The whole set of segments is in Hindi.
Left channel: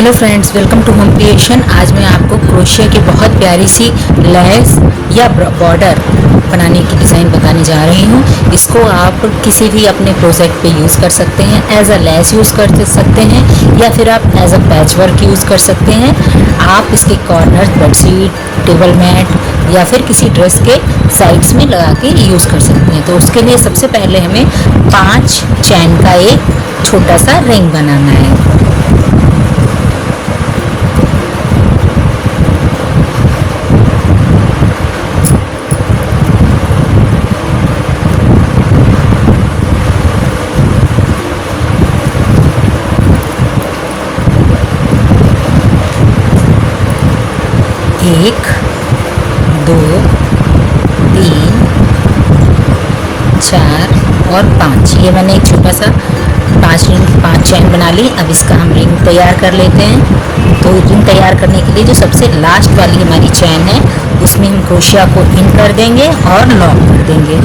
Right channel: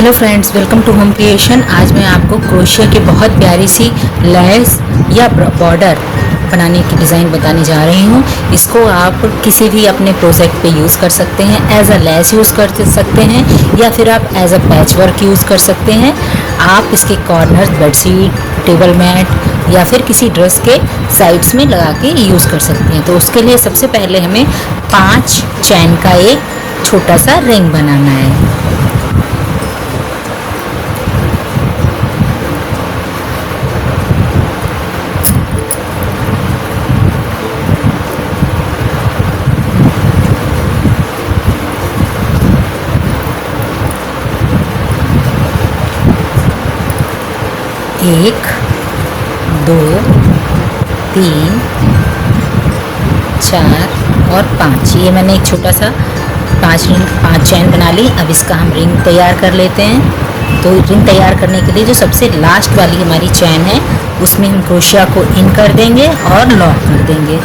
Hello friends, welcome to home creation. आज मैं आपको क्रोशिया की बहुत प्यारी सी लेस या बॉर्डर बनाने की डिज़ाइन बताने जा रही हूँ। इसको आप किसी भी अपने प्रोजेक्ट पे यूज़ कर सकते हैं, एज अ लेस यूज़ कर सकते हैं या फिर आप as a patch work use कर सकते हैं। आप इसके कॉर्नर, बेडशीट, टेबल मैट या फिर किसी ड्रेस के साइड्स में लगा के यूज़ कर सकते हैं। तो उसके लिए सबसे पहले हमें 5 चैन का एक छोटा सा रिंग बनाना है। एक, 2, 3, 4 और 5। ये मैंने एक छोटा सा 5 चैन बना ली। अब इसका हम रिंग तैयार कर लेते हैं। तो रिंग तैयार करने के लिए जो सबसे लास्ट वाली हमारी चैन है उसमें हम क्रोशिया को इन कर देंगे और लॉक कर देंगे।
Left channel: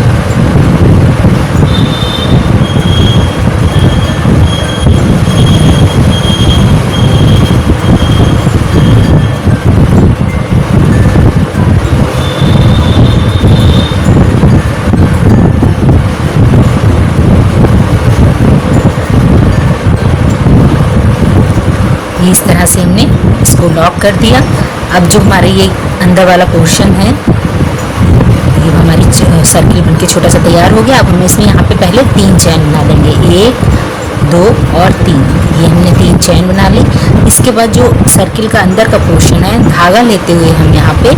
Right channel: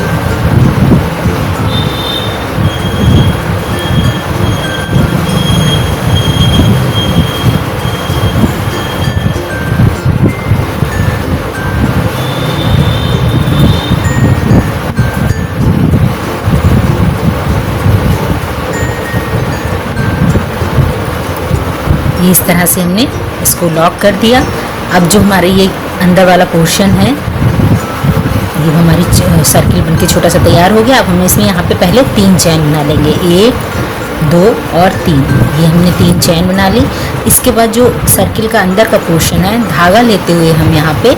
इस तरह से हमने इसको लॉक कर दिया। अब जो हमारा ये अंदर वाला पोर्शन है, ये हमारी सर्किल बनके छोटा सा तैयार हो गया। अब हम इसमें यहाँ पे पहले 3 चैन बना लेंगे, 1, 2 और 3। ये हमने 3 चैन बना ली। इसके बाद जो सर्किल का अंदर का पोर्शन है, धागा लेते हुए हम यहाँ पे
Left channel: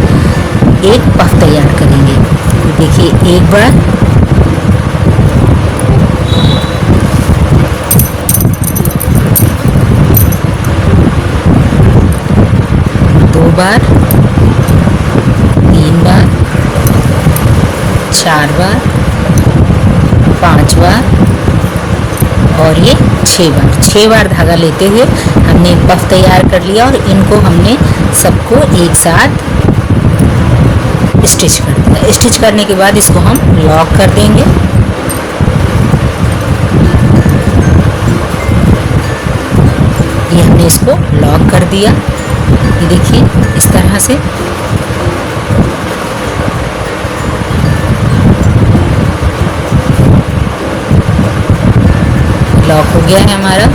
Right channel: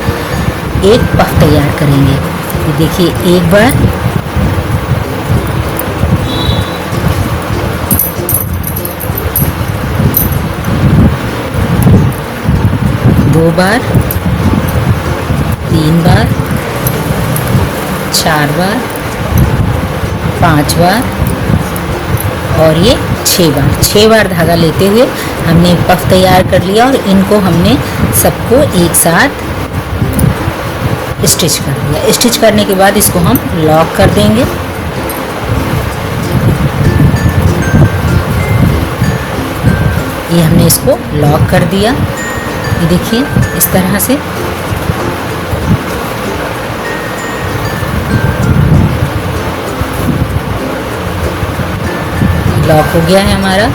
एक पफ तैयार करेंगे। देखिए, एक बार, बार, 3 बार, 4 बार, 5 बार और ये 6 बार। 6 बार धागा लेते हुए हमने पफ तैयार कर लिया और इनको हमने सबको एक साथ स्टिच कर दिया। स्टिच करने के बाद इसको हम लॉक कर देंगे। ये हमने इसको लॉक कर दिया। ये देखिए, इस तरह से लॉक हो गया है हमारा।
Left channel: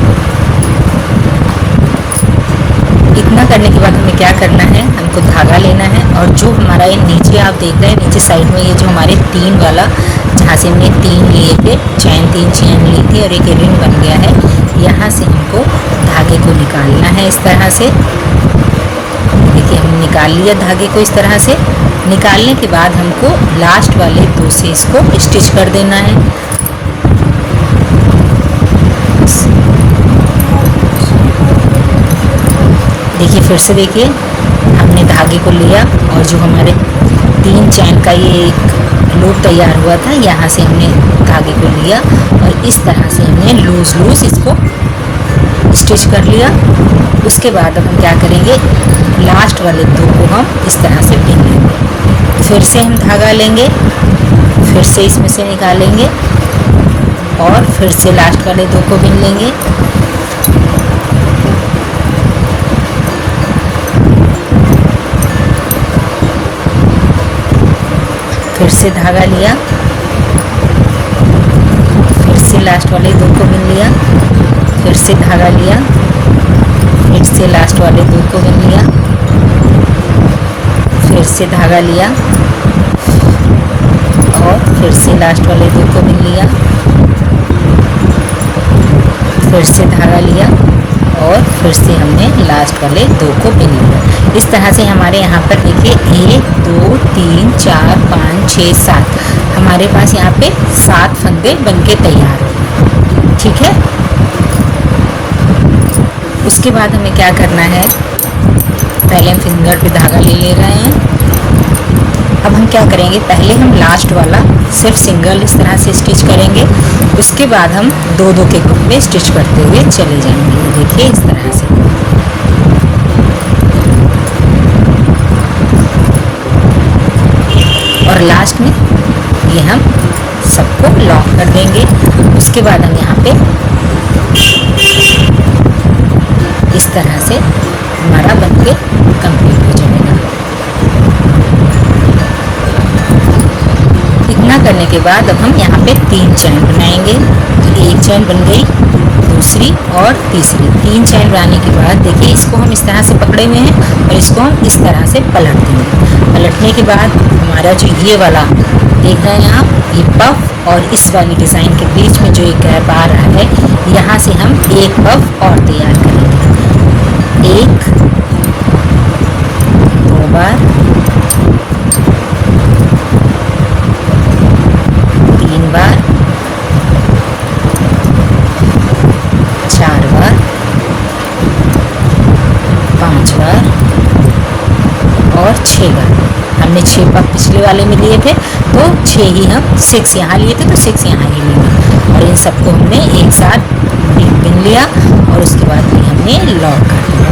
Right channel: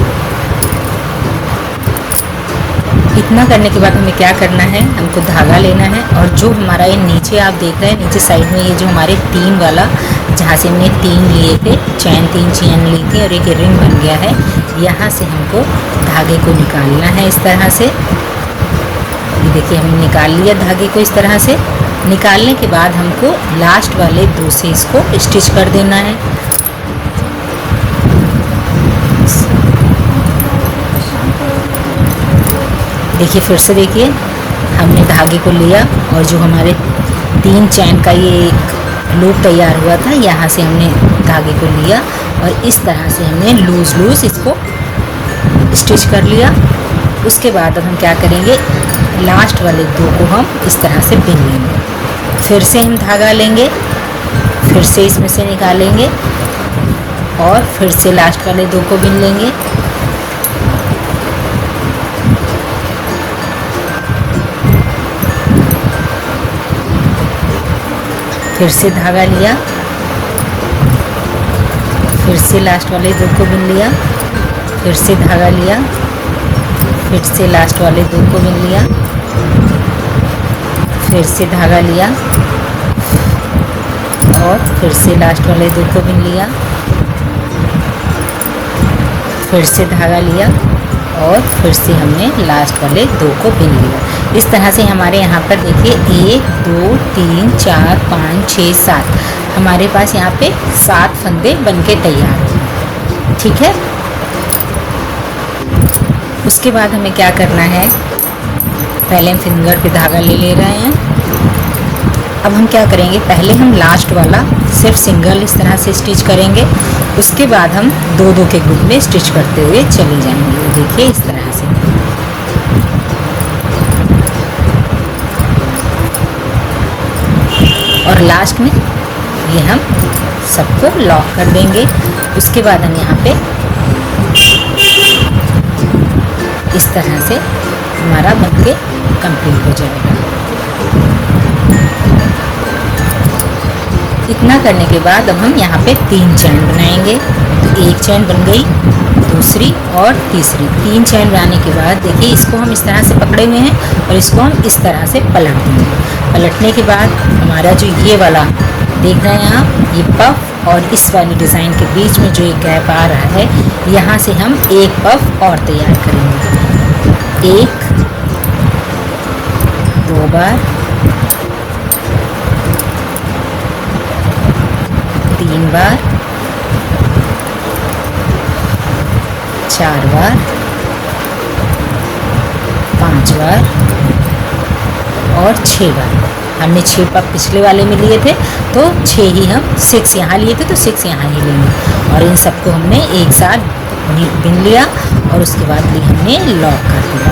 इतना करने के बाद हमें क्या करना है, हमको धागा लेना है और जो हमारा ये नीचे आप देख रहे हैं, नीचे साइड में ये जो हमारे 3 वाला, जहाँ से हमने 3 लिए थे चैन, 3 चैन ली थी और एक रिंग बन गया है, यहाँ से हमको धागे को निकालना है। इस तरह से देखिए, हमने निकाल लिया धागे को। इस तरह से निकालने के बाद हमको लास्ट वाले 2 से इसको स्टिच कर देना है। देखिए, फिर से देखिए, हमने धागे को लिया और जो हमारे 3 चैन का ये एक लूप तैयार हुआ था, यहाँ से हमने धागे को लिया और इस तरह से हमने लूज इसको स्टिच कर लिया। उसके बाद अब हम क्या करेंगे, लास्ट वाले 2 को हम इस तरह से बिन लेंगे। फिर से हम धागा लेंगे, फिर से इसमें से निकालेंगे और फिर से लास्ट वाले 2 को बिन लेंगे। फिर से धागा लिया, फिर से लास्ट वाले 2 को बिन लिया, फिर से धागा लिया, फिर से लास्ट वाले 2 को बिन लिया, फिर से धागा लिया और फिर से लास्ट वाले 2 को बिन लिया, फिर से धागा लिया और फिर से हमने लास्ट वाले 2 को बिन लिया। इस तरह से हमारे यहाँ पर देखिए 1, 2, 3, 4, 5, 6, 7 हमारे पास यहाँ पे 7 फंदे बनके तैयार हैं। ठीक है। उसके बाद हमें क्या करना है, पहले हम फिंगर पे धागा ले रहे हैं। अब हम क्या करेंगे, पहले हम लास्ट वाला सिर्फ सिंगल इस तरह से स्टिच करेंगे। उसके बाद हम 2-2 के ग्रुप में स्टिच करते हुए चले जाएंगे। देखिए, इस तरह से। और लास्ट में ये हम सबको लॉक कर देंगे। उसके बाद हम यहाँ पे तरह से हमारा बनके कंप्लीट हो जाएगा। इतना करने के बाद अब हम यहाँ पे 3 चैन बनाएंगे। तो एक चैन बन गई, दूसरी और तीसरी। 3 चैन बनाने के बाद देखिए इसको हम इस तरह से पकड़े हुए हैं और इसको हम इस तरह से पलट देंगे। पलटने के बाद हमारा जो ये वाला देख रहे हैं आप, ये पफ और इस वाली डिज़ाइन के बीच में जो एक गैप आ रहा है, यहाँ से हम एक पफ और तैयार करेंगे। 1 2 बार, 3 बार, 4 बार, 5 बार और 6 बार। हमने 6 पफ पिछले वाले में लिए थे, तो 6 ही हम 6 यहाँ लिए थे, तो 6 यहाँ ही लेंगे। और इन सबको हमने एक साथ बिन लिया और उसके बाद भी हमने लॉक कर दिया।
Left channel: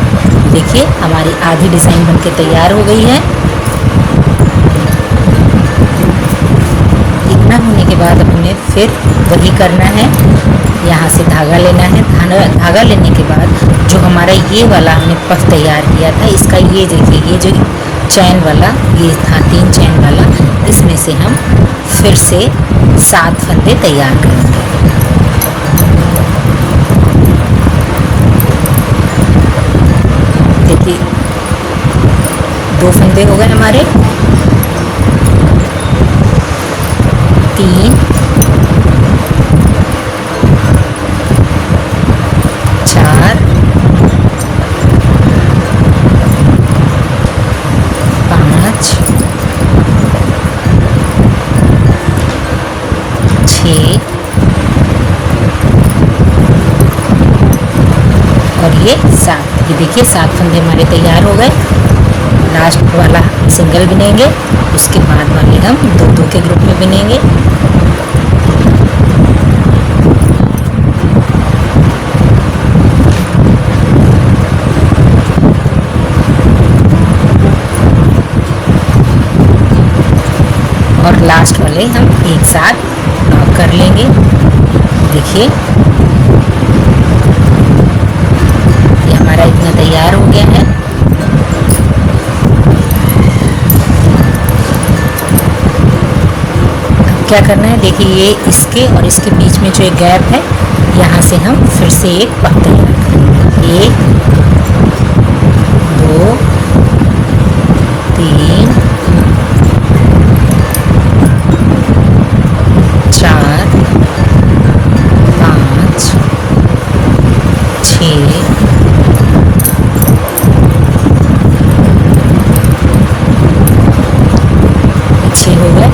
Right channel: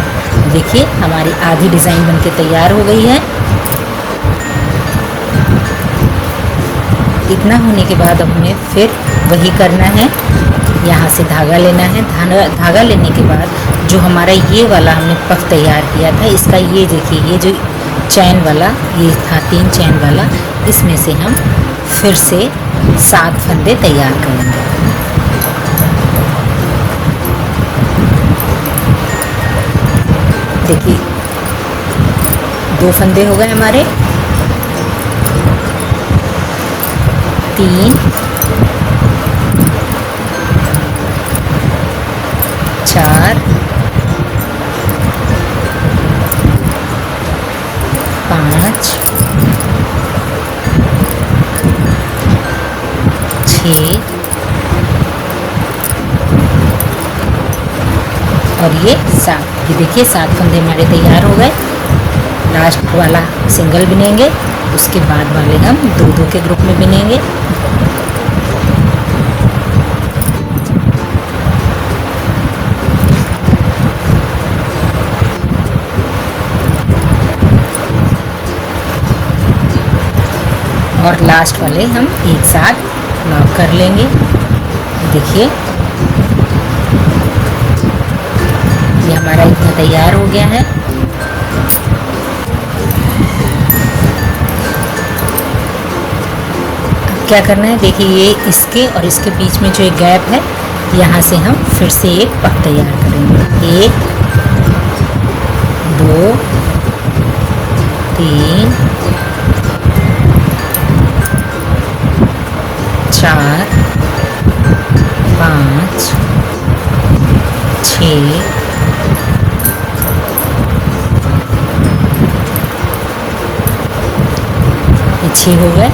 देखिए हमारी आधी डिज़ाइन बनके तैयार हो गई है। इतना होने के बाद अब हमें फिर वही करना है, यहाँ से धागा लेना है। धागा लेने के बाद जो हमारा ये वाला हमने पफ तैयार किया था, इसका ये देखिए, ये जो चैन वाला ये था 3 चैन वाला, इसमें से हम फिर से 7 फंदे तैयार करेंगे। देखिए 2 फंदे हो गए हमारे, 3 4 5 6 और ये 7। ये देखिए 7 फंदे हमारे तैयार हो गए। लास्ट वाला सिंगल बिनेंगे, उसके बाद वाले हम 2-2 के ग्रुप में बिनेंगे। और लास्ट वाले हम एक साथ नॉक कर लेंगे। देखिए ये हमारा इतना तैयार हो गया है। क्या करना है, देखिए ये इसके और इसके बीच में जो एक गैप है, यहाँ से हम फिर से एक पफ तैयार करेंगे। 1 2 3 4 5 6 6 हो गए।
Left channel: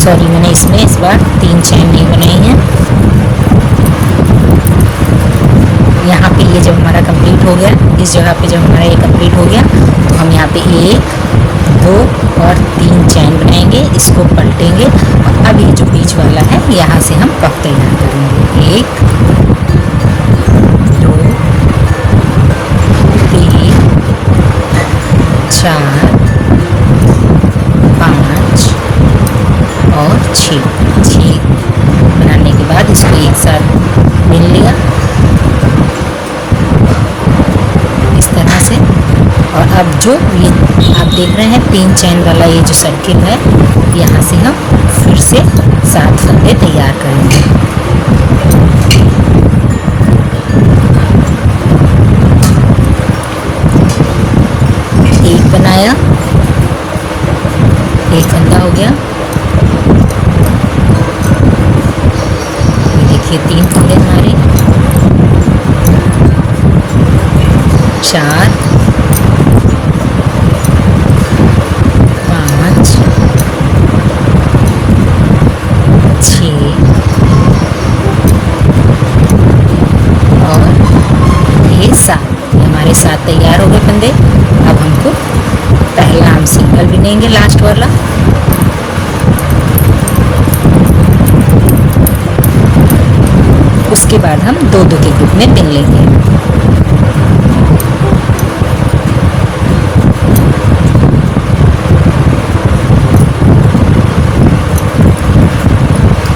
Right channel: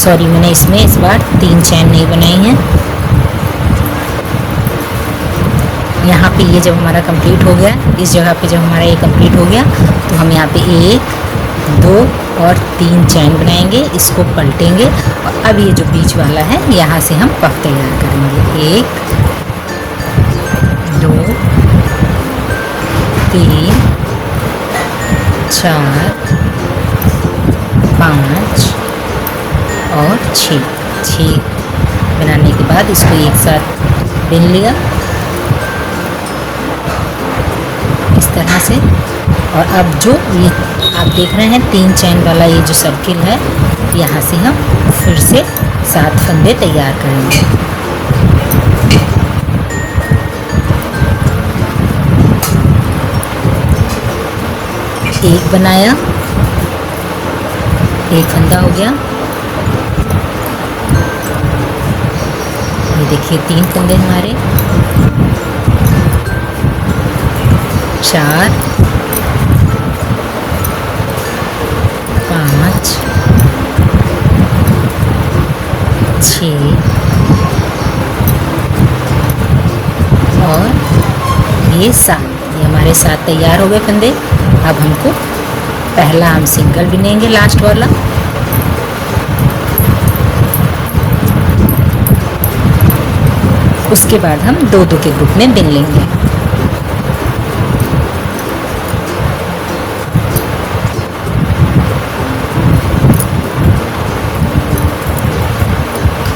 सॉरी, मैंने इसमें इस बार 3 चैन नहीं बनाई हैं। यहाँ पे ये जब हमारा कंप्लीट हो गया, इस जगह पे जब हमारा ये कंप्लीट हो गया, तो हम यहाँ पे 1 2 और 3 चैन बनाएंगे, इसको पलटेंगे और अब ये जो बीच वाला है, यहाँ से हम पफ तैयार करेंगे। 1 2 3 4 5 और 6 बनाने के बाद इसको एक साथ मिल लिया इस तरह से। और अब जो ये आप देख रहे हैं 3 चैन वाला ये जो सर्किल है, यहाँ से हम फिर से 7 फंदे तैयार करेंगे। एक बनाया, एक फंदा हो गया। देखिए 3 फंदे हमारे, 4 5 6 और ये 7। ये हमारे 7 तैयार हो गए फंदे। अब हमको पहला हम सिंगल बिनेंगे, लास्ट वाला। उसके बाद हम 2-2 के ग्रुप में बिन लेंगे।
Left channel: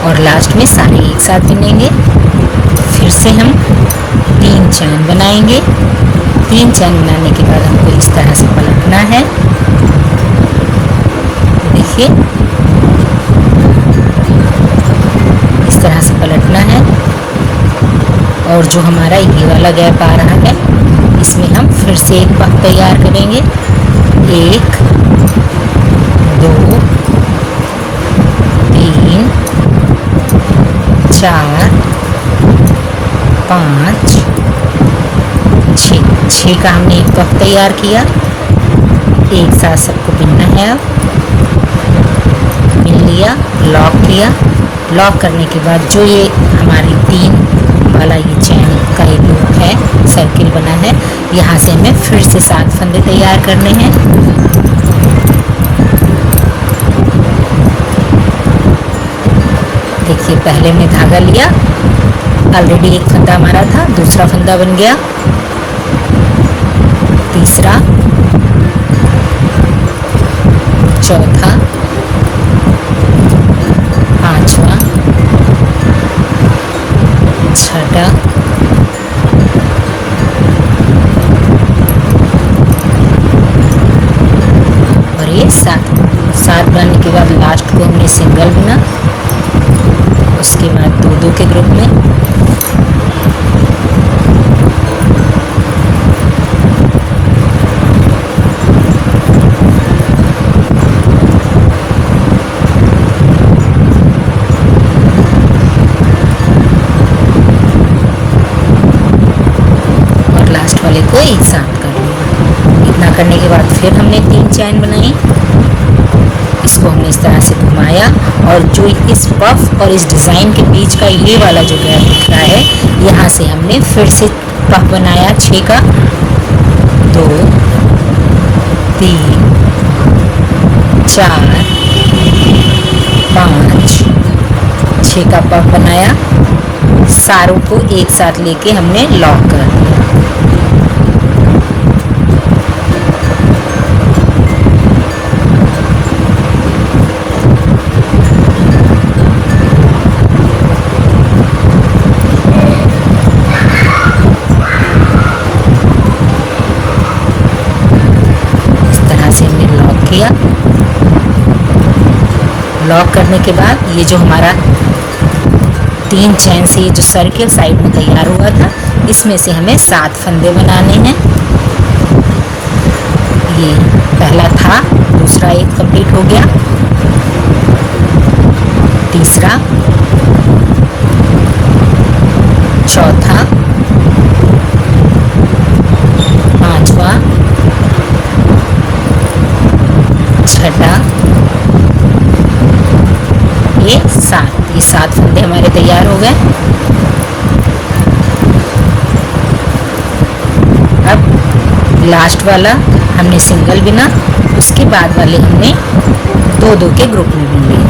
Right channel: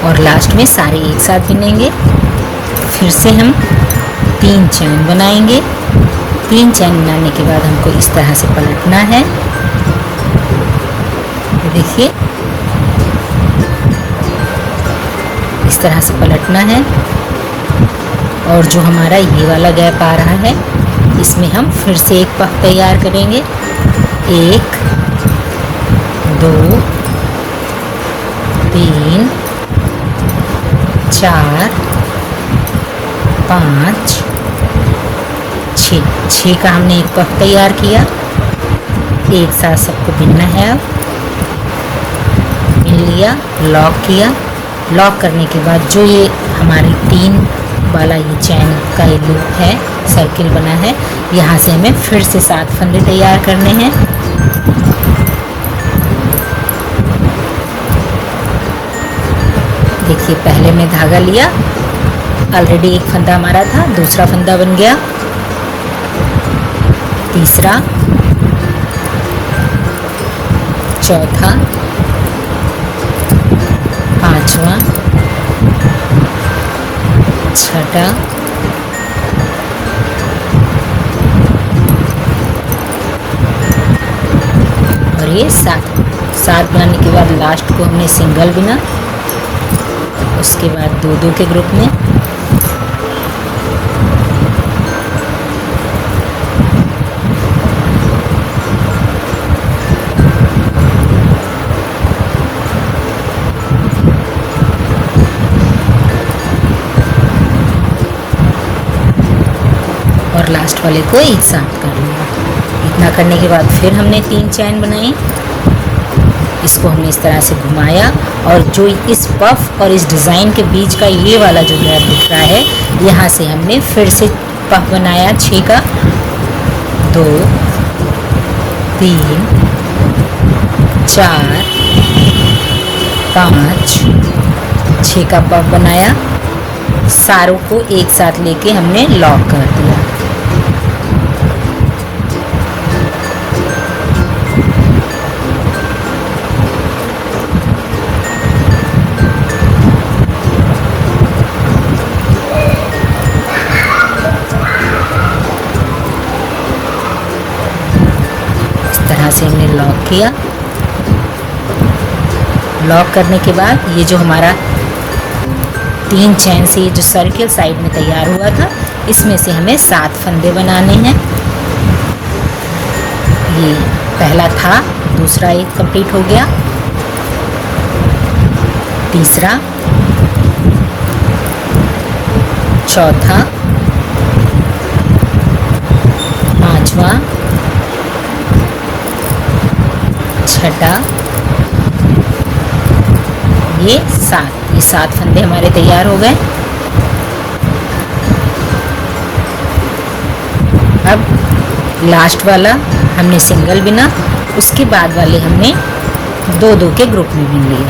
और लास्ट में सारे एक साथ बिनेंगे। फिर से हम 3 चैन बनाएंगे। 3 चैन बनाने के बाद हमको इस तरह से पलटना है। देखिए इस तरह से पलटना है। और जो हमारा ये वाला गैप आ रहा है इसमें हम फिर से एक पफ तैयार करेंगे। 1 2 3 4 5 6 का हमने एक पफ तैयार किया। एक साथ सबको बिनना है। अब बिन लिया, लॉक किया। लॉक करने के बाद जो ये हमारे 3 वाला ये चैन का ये लूप है, सर्किल बना है, यहाँ से हमें फिर से 7 फंदे तैयार करने हैं। देखिए पहले में धागा लिया, ऑलरेडी एक फंदा हमारा था, दूसरा फंदा बन गया, तीसरा, चौथा, पांचवा, छठा, और ये 7 बनाने के बाद लास्ट को हमने सिंगल बना। उसके बाद 2-2 के ग्रुप में को एक साथ कर लिया। इतना करने के बाद फिर हमने 3 चैन बनाई। इसको हमने इस तरह से घुमाया और जो इस पफ और इस डिज़ाइन के बीच का ये वाला जो गैप दिख रहा है, यहाँ से हमने फिर से पफ बनाया 6 का। 2 3 4 5 6 का पफ बनाया। सारों को एक साथ लेके हमने लॉक कर दिया। लॉक करने के बाद ये जो हमारा 3 चैन से जो सर्किल साइड में तैयार हुआ था, इसमें से हमें 7 फंदे बनाने हैं। ये पहला था, दूसरा एक कंप्लीट हो गया, तीसरा, चौथा, पांचवा, छठा, ये 7 फंदे हमारे तैयार हो गए। अब लास्ट वाला हमने सिंगल बिना, उसके बाद वाले हमने 2-2 के ग्रुप में बिन लिए।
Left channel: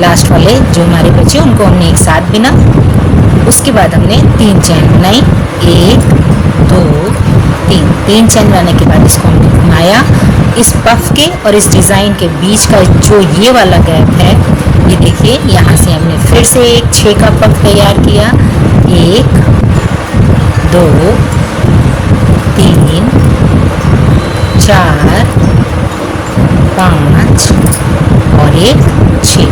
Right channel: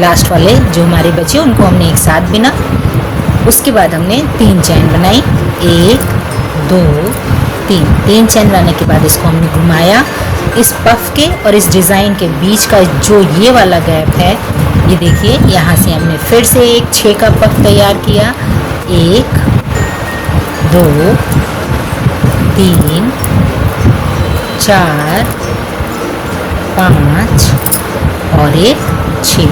लास्ट वाले जो हमारे बचे उनको हमने एक साथ बिना। उसके बाद हमने 3 चैन बनाई। 1 2 3 चैन बनाने के बाद इसको हमने घुमाया। इस पफ के और इस डिज़ाइन के बीच का जो ये वाला गैप है, ये देखिए, यहाँ से हमने फिर से एक 6 का पफ तैयार किया। 1 2 3 4 5 और एक 6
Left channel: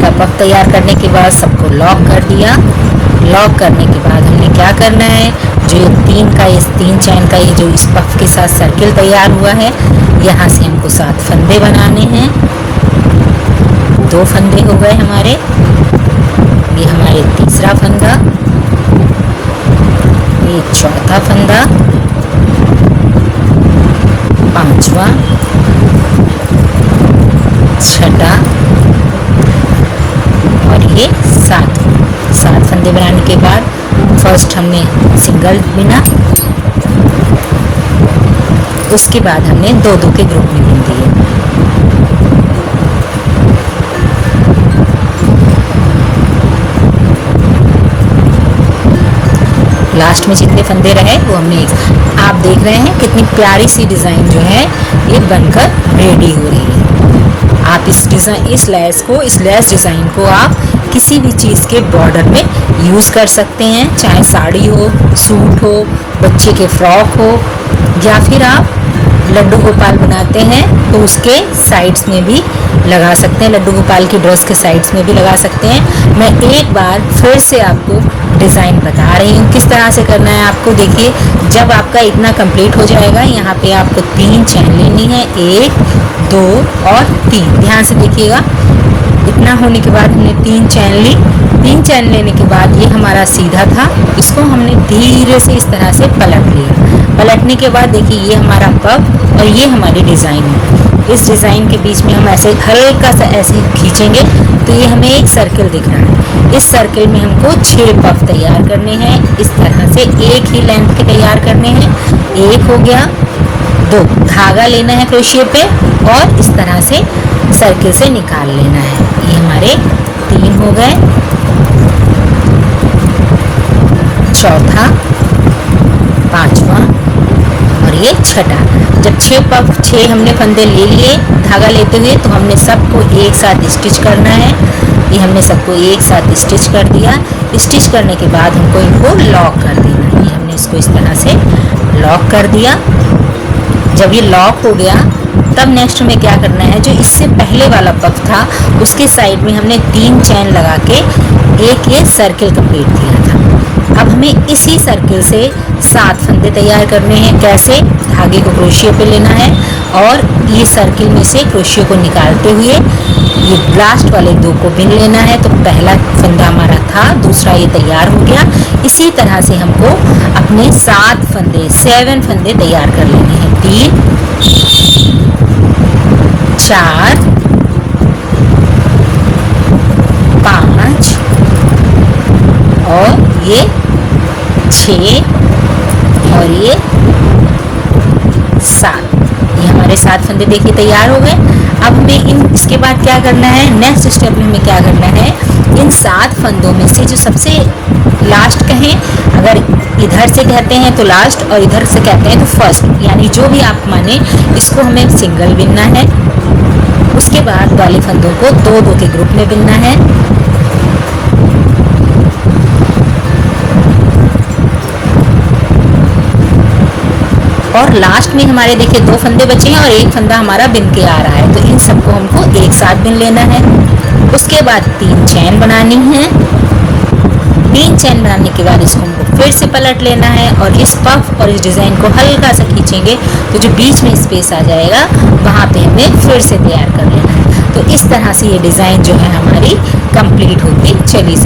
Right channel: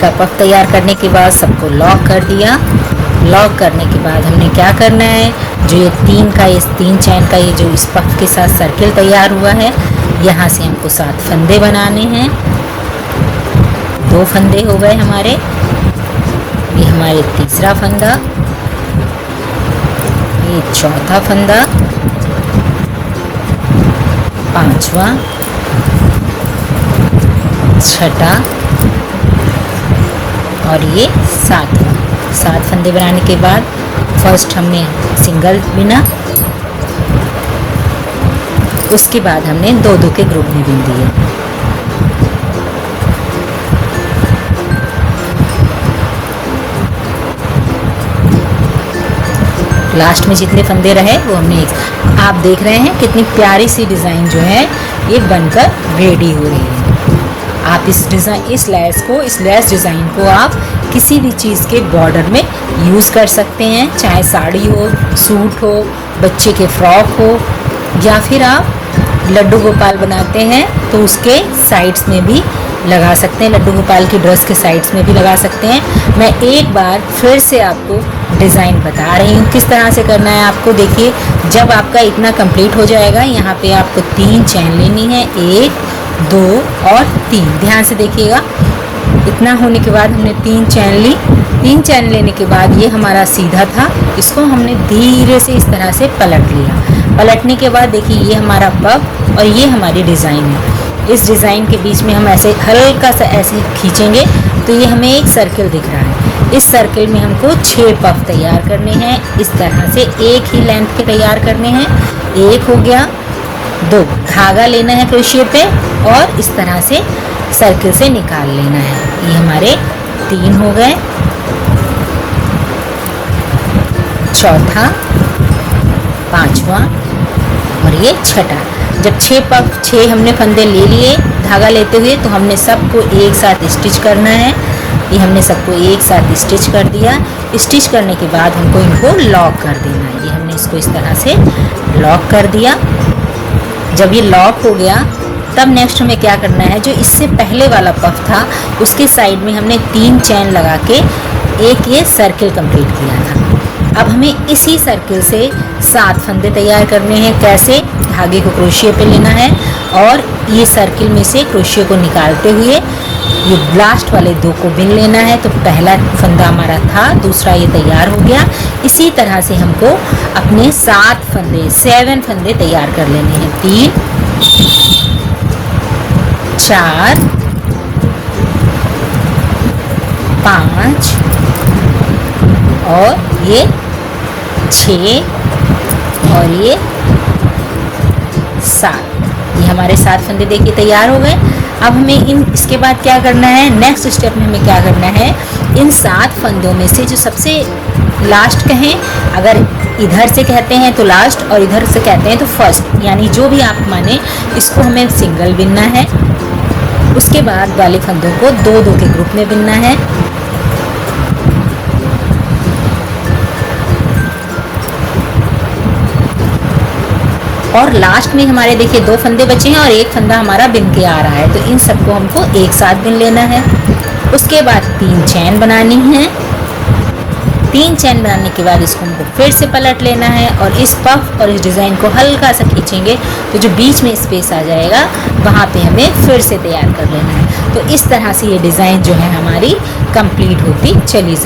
का पफ तैयार करने के बाद सबको लॉक कर दिया। लॉक करने के बाद हमने क्या करना है, जो ये 3 चैन का ये जो इस पफ के साथ सर्किल तैयार हुआ है, यहाँ से हमको 7 फंदे बनाने हैं। 2 फंदे हो गए हमारे, ये हमारे तीसरा फंदा, ये चौथा फंदा, पांचवा, छठा और ये 7 फंदे बनाने के बाद फर्स्ट हमने सिंगल बिना, उसके बाद हमने 2-2 के ग्रुप में बिन दिए। लास्ट में जितने फंदे रहे वो हमने, आप देख रहे हैं कितनी प्यारी सी डिज़ाइन जो है ये बनकर रेडी हो रही है। इस लेस डिज़ाइन को आप किसी भी चीज़ के बॉर्डर में यूज़ कर सकते हैं, चाहे साड़ी हो, सूट हो, बच्चे के फ्रॉक हो, या फिर आप लड्डू गोपाल बनाते हैं तो उसके साइड्स में भी लगा सकते हैं, लड्डू गोपाल की ड्रेस के साइड्स में भी लगा सकते हैं। मैं एक बार फिर से आपको डिज़ाइन बता रही हूँ किस तरह से करना है आपको। देखिए, जब आपका इतना कंप्लीट हो जाएगा, यहाँ पे आपको 3 चैन लेनी है, 1, 2 और 3। ध्यान से देखिएगा, इतना होने के बाद हमने 3 चैन ली। 3 चैन लेने के बाद ये हमारा सीधा था, इसको हमने धीरे से इस तरह से पलट लिया। पलटने के बाद देखिए, ये हमारा पफ और ये हमारी डिज़ाइन है। इस डिज़ाइन के बीच में हम ऐसे हल्का सा ऐसे खींचेंगे तो ये हमें एक सर्किल दिख रहा है। इस सर्किल में हमको 6 पफ तैयार करने हैं। इस तरह से एक ही लेंथ के तैयार करने हैं। 1 हो गया, 2 धागा लेना है क्रोशिया पे और इस तरह से सर्किल से निकाल लेना है। ये हमारे 3 हो गए, चौथा, 5वां और ये छठा। जब 6 हमने फंदे ले लिए धागा लेते हुए, तो हमने सबको एक साथ स्टिच करना है। ये हमने सबको एक साथ स्टिच कर दिया। स्टिच करने के बाद हमको इनको लॉक कर देना है। ये हमने इसको इस तरह से लॉक कर दिया। जब ये लॉक हो गया, तब नेक्स्ट हमें क्या करना है, जो इससे पहले वाला पफ था उसके साइड में हमने 3 चैन लगा के एक ये सर्किल कंप्लीट किया था। अब हमें इसी सर्किल से 7 फंदे तैयार करने हैं। कैसे? धागे को क्रोशिया पे लेना है और ये सर्किल में से क्रोशिया को निकालते हुए ये लास्ट वाले 2 को बिन लेना है। तो पहला फंदा हमारा था, दूसरा ये तैयार हो गया। इसी तरह से हमको अपने 7 फंदे तैयार कर लेने हैं। 3, 4, 5 और ये 6 और ये 7। ये हमारे 7 फंदे देखिए तैयार हो गए। अब हमें इसके बाद क्या करना है, नेक्स्ट स्टेप में हमें क्या करना है, इन 7 फंदों में से जो सबसे लास्ट कहें, अगर इधर से कहते हैं तो लास्ट और इधर से कहते हैं तो फर्स्ट, यानी जो भी आप माने, इसको हमें सिंगल बिनना है। उसके बाद वाले फंदों को 2-2 के ग्रुप में बिनना है। और लास्ट में हमारे देखिए 2 फंदे बचे हैं और 1 फंदा हमारा बिन के आ रहा है, तो इन सबको हमको एक साथ बिन लेना है। उसके बाद 3 चैन बनानी है। 3 चैन बनाने के बाद इसको हमको फिर से पलट लेना है और इस पफ और इस डिज़ाइन को हल्का सा खींचेंगे तो जो बीच में स्पेस आ जाएगा वहाँ पे हमें फिर से तैयार कर लेना है। तो इस तरह से ये डिज़ाइन जो है हमारी कंप्लीट होती चली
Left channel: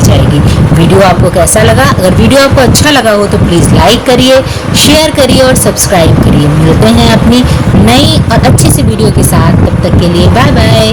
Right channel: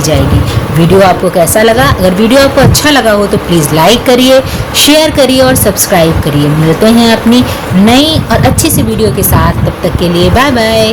जाएगी। वीडियो आपको कैसा लगा? अगर वीडियो आपको अच्छा लगा हो तो प्लीज़ लाइक करिए, शेयर करिए और सब्सक्राइब करिए। मिलते हैं अपनी नई और अच्छी सी वीडियो के साथ, तब तक के लिए बाय बाय।